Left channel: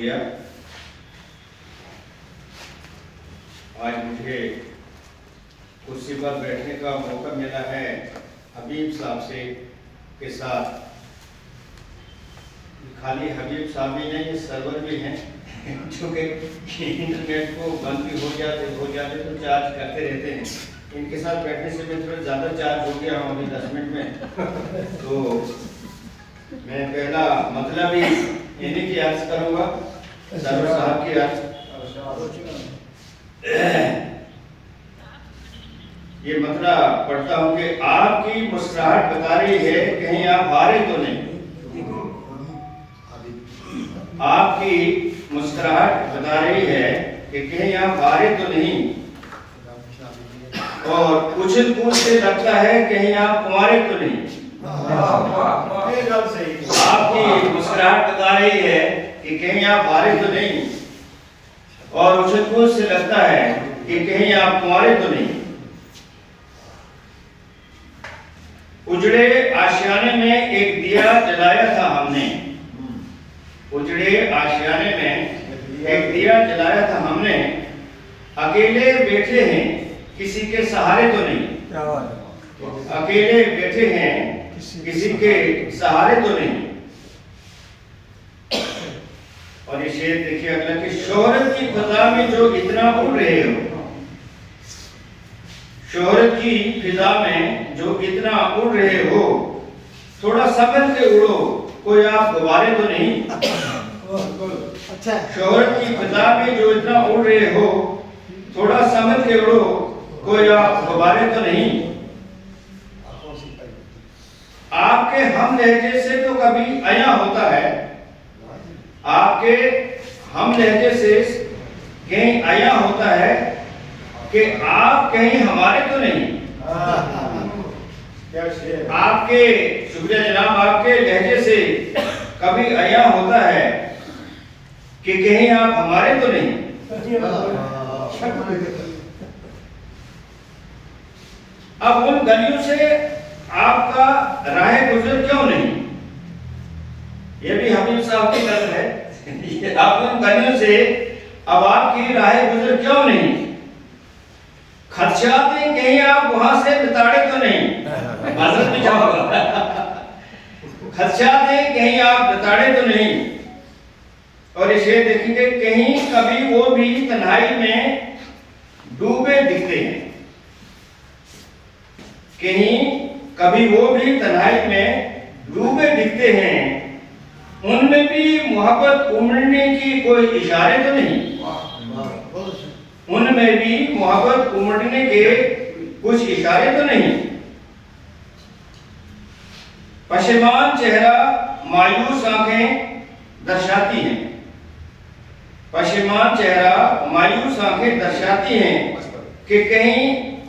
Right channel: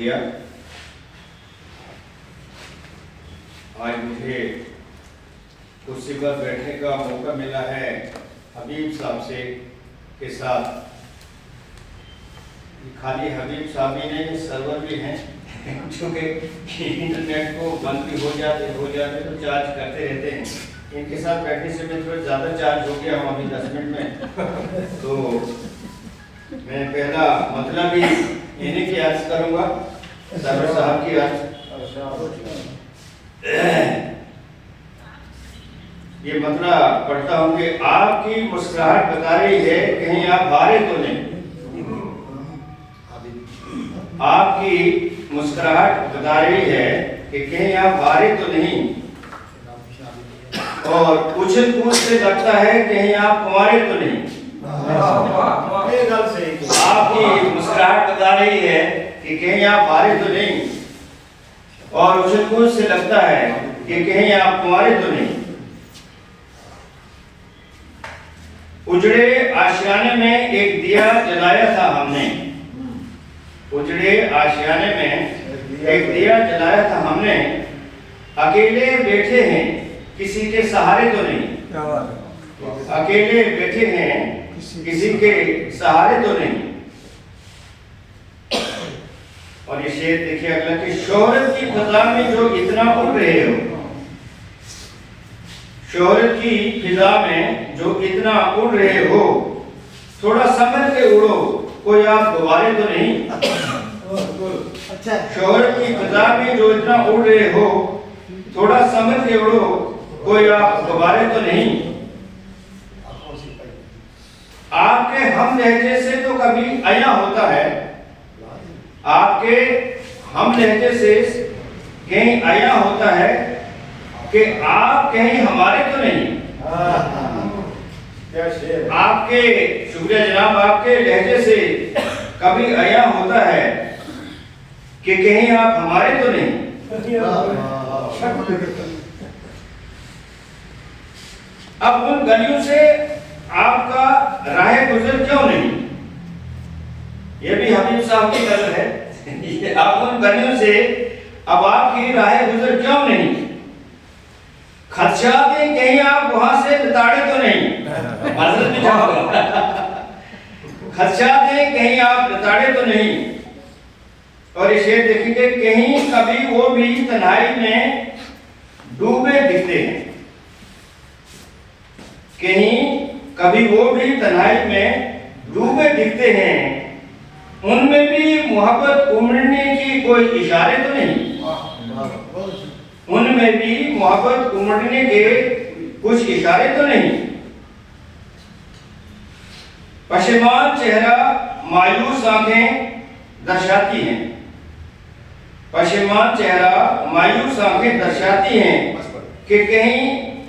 शुक्रिया। आज मुझे कुर्सी पर बैठने का मौका मिला है हबीब साहब से के साथ। खाली हबीब साहब ही नहीं, सर्वर भी हैं क्योंकि इंटरनेट को बंद भी हो जाते तो चार्ज करते रहते हैं। इनके साथ बैठने से मैं थोड़ा ज़्यादा चार्ज हो गया हूँ अभी 10 मिनट में। तो मैं पहला मतलब ही इन्हीं की अर्ज करूँगा, सर्वर साहब की अर्ज। ये मतलब पढ़ता हूँ कि आपकी मुस्कुराहट बता रही है कहीं आप हारे तो नहीं। आपकी मुस्कुराहट बता रही है कि कहीं आप हारे तो नहीं, और उछल कूद से लगता है कहीं आप कुंवारे तो नहीं। आपकी मुस्कुराहट बता रही है कि कहीं आप हारे तो नहीं, और उछल कूद से लगता है कि कहीं आप कुंवारे तो नहीं। उजड़े आशियाने में एक दिया जलाया था हमने, उजड़े आशियाने में एक दिया जलाया था हमने। अकेले बैठे हैं किसी के सहारे तो नहीं, अकेले बैठे हैं किसी के सहारे तो नहीं। और ये शेर देखिए अगला कि शोहरत की फिजा में जो इतना उड़ रहे हो, शोहरत की फिजा में जो इतना उड़ रहे हो, थोड़ा संभल के उड़ो कोई आप गुब्बारे तो नहीं। शोहरत की फिजा में जो इतना उड़ रहे हो, थोड़ा संभल के उड़ो कोई आप गुब्बारे तो नहीं। आपके हम लहजे से तो कभी आया होता है, आपके हम लहजे से कहीं आया होता है कि आप कहीं हमारे तो नहीं। आपके शुक्रिया जनाब, आपके लहजे से कभी आया होता है कि कहीं आप हमारे तो नहीं। अब उन गलियों से आपका राह गुजर क्यों नहीं, ये भी हबीब साहब की तरफ है। अब उन गलियों से अब आपकी राह गुजर क्यों नहीं। खदशाते कहीं आप वहां से लताड़े तो नहीं। माजरत में जाऊंगा। खदशाते कहीं आप लताड़े तो नहीं। और ये शेर देखेंगे, कहीं कभी वो भी तन्हाई में डूबे दिखते हैं, कहीं कभी वो भी तन्हाई में डूबे दिखते हैं। उनमें भी मोहब्बत उमड़ने की कोई इशारे तो नहीं, उनमें भी मोहब्बत उमड़ने के कुछ इशारे तो नहीं। पशेमान चेहरा मायूस आंखें दर्शाती हैं, पशेमान चेहरा मायूस आंखें दर्शाती हैं कि कहीं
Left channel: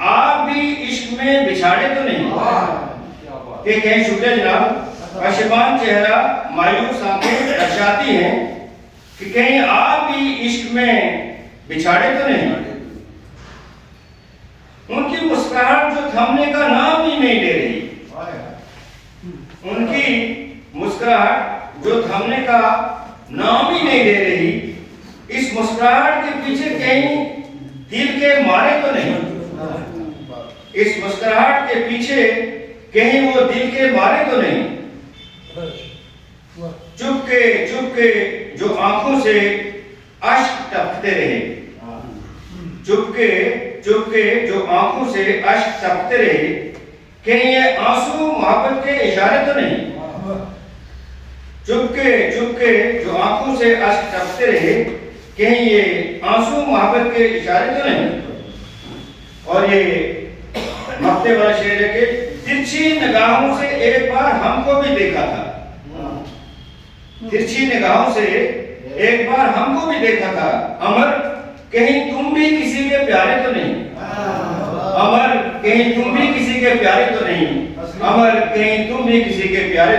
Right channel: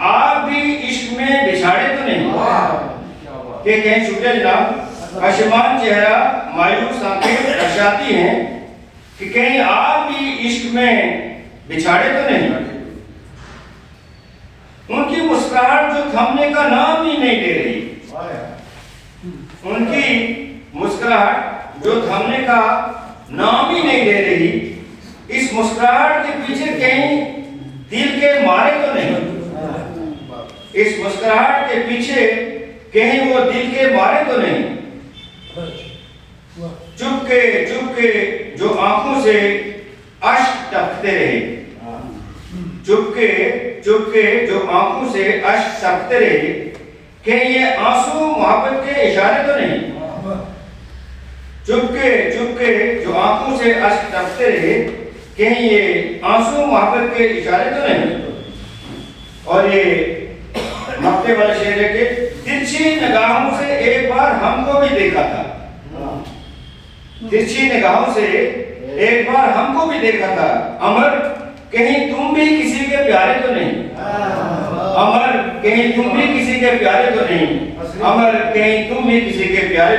आप भी इश्क में बिछाड़े तो नहीं। कि कहीं शुक्रिया जनाब, पशेमान चेहरा मायूस आंखें दर्शाती हैं कि कहीं आप भी इश्क में बिछाड़े तो नहीं। उनकी मुस्कुराहट जो थमने का नाम ही नहीं ले रही, उनकी मुस्कुराहट जो थमने का नाम ही नहीं ले रही। इस मुस्कुराहट के पीछे कहीं दिल के मारे तो नहीं, इस मुस्कुराहट के पीछे कहीं वो दिल के मारे तो नहीं। चुपके जो आंखों से अश्क टपकते रहे, चुपके जो आंखों से अश्क टपकते रहे, कहीं ये आंसू मोहब्बत के इशारे तो नहीं। चुपके जो आंखों से अश्क टपकते रहे, कहीं ये आंसू मोहब्बत के इशारे तो नहीं। और ये मक्ते वाला शेर है कि तिरछी निगाहों से एक बार हमको भी देखा था, तिरछी निगाहों से एक बार हमको भी देखा था। अमर कहीं तुम भी किसी के प्यारे तो नहीं, अमर कहीं तुम भी किसी के प्यारे तो नहीं, अमर कहीं तुम भी किसी के प्यारे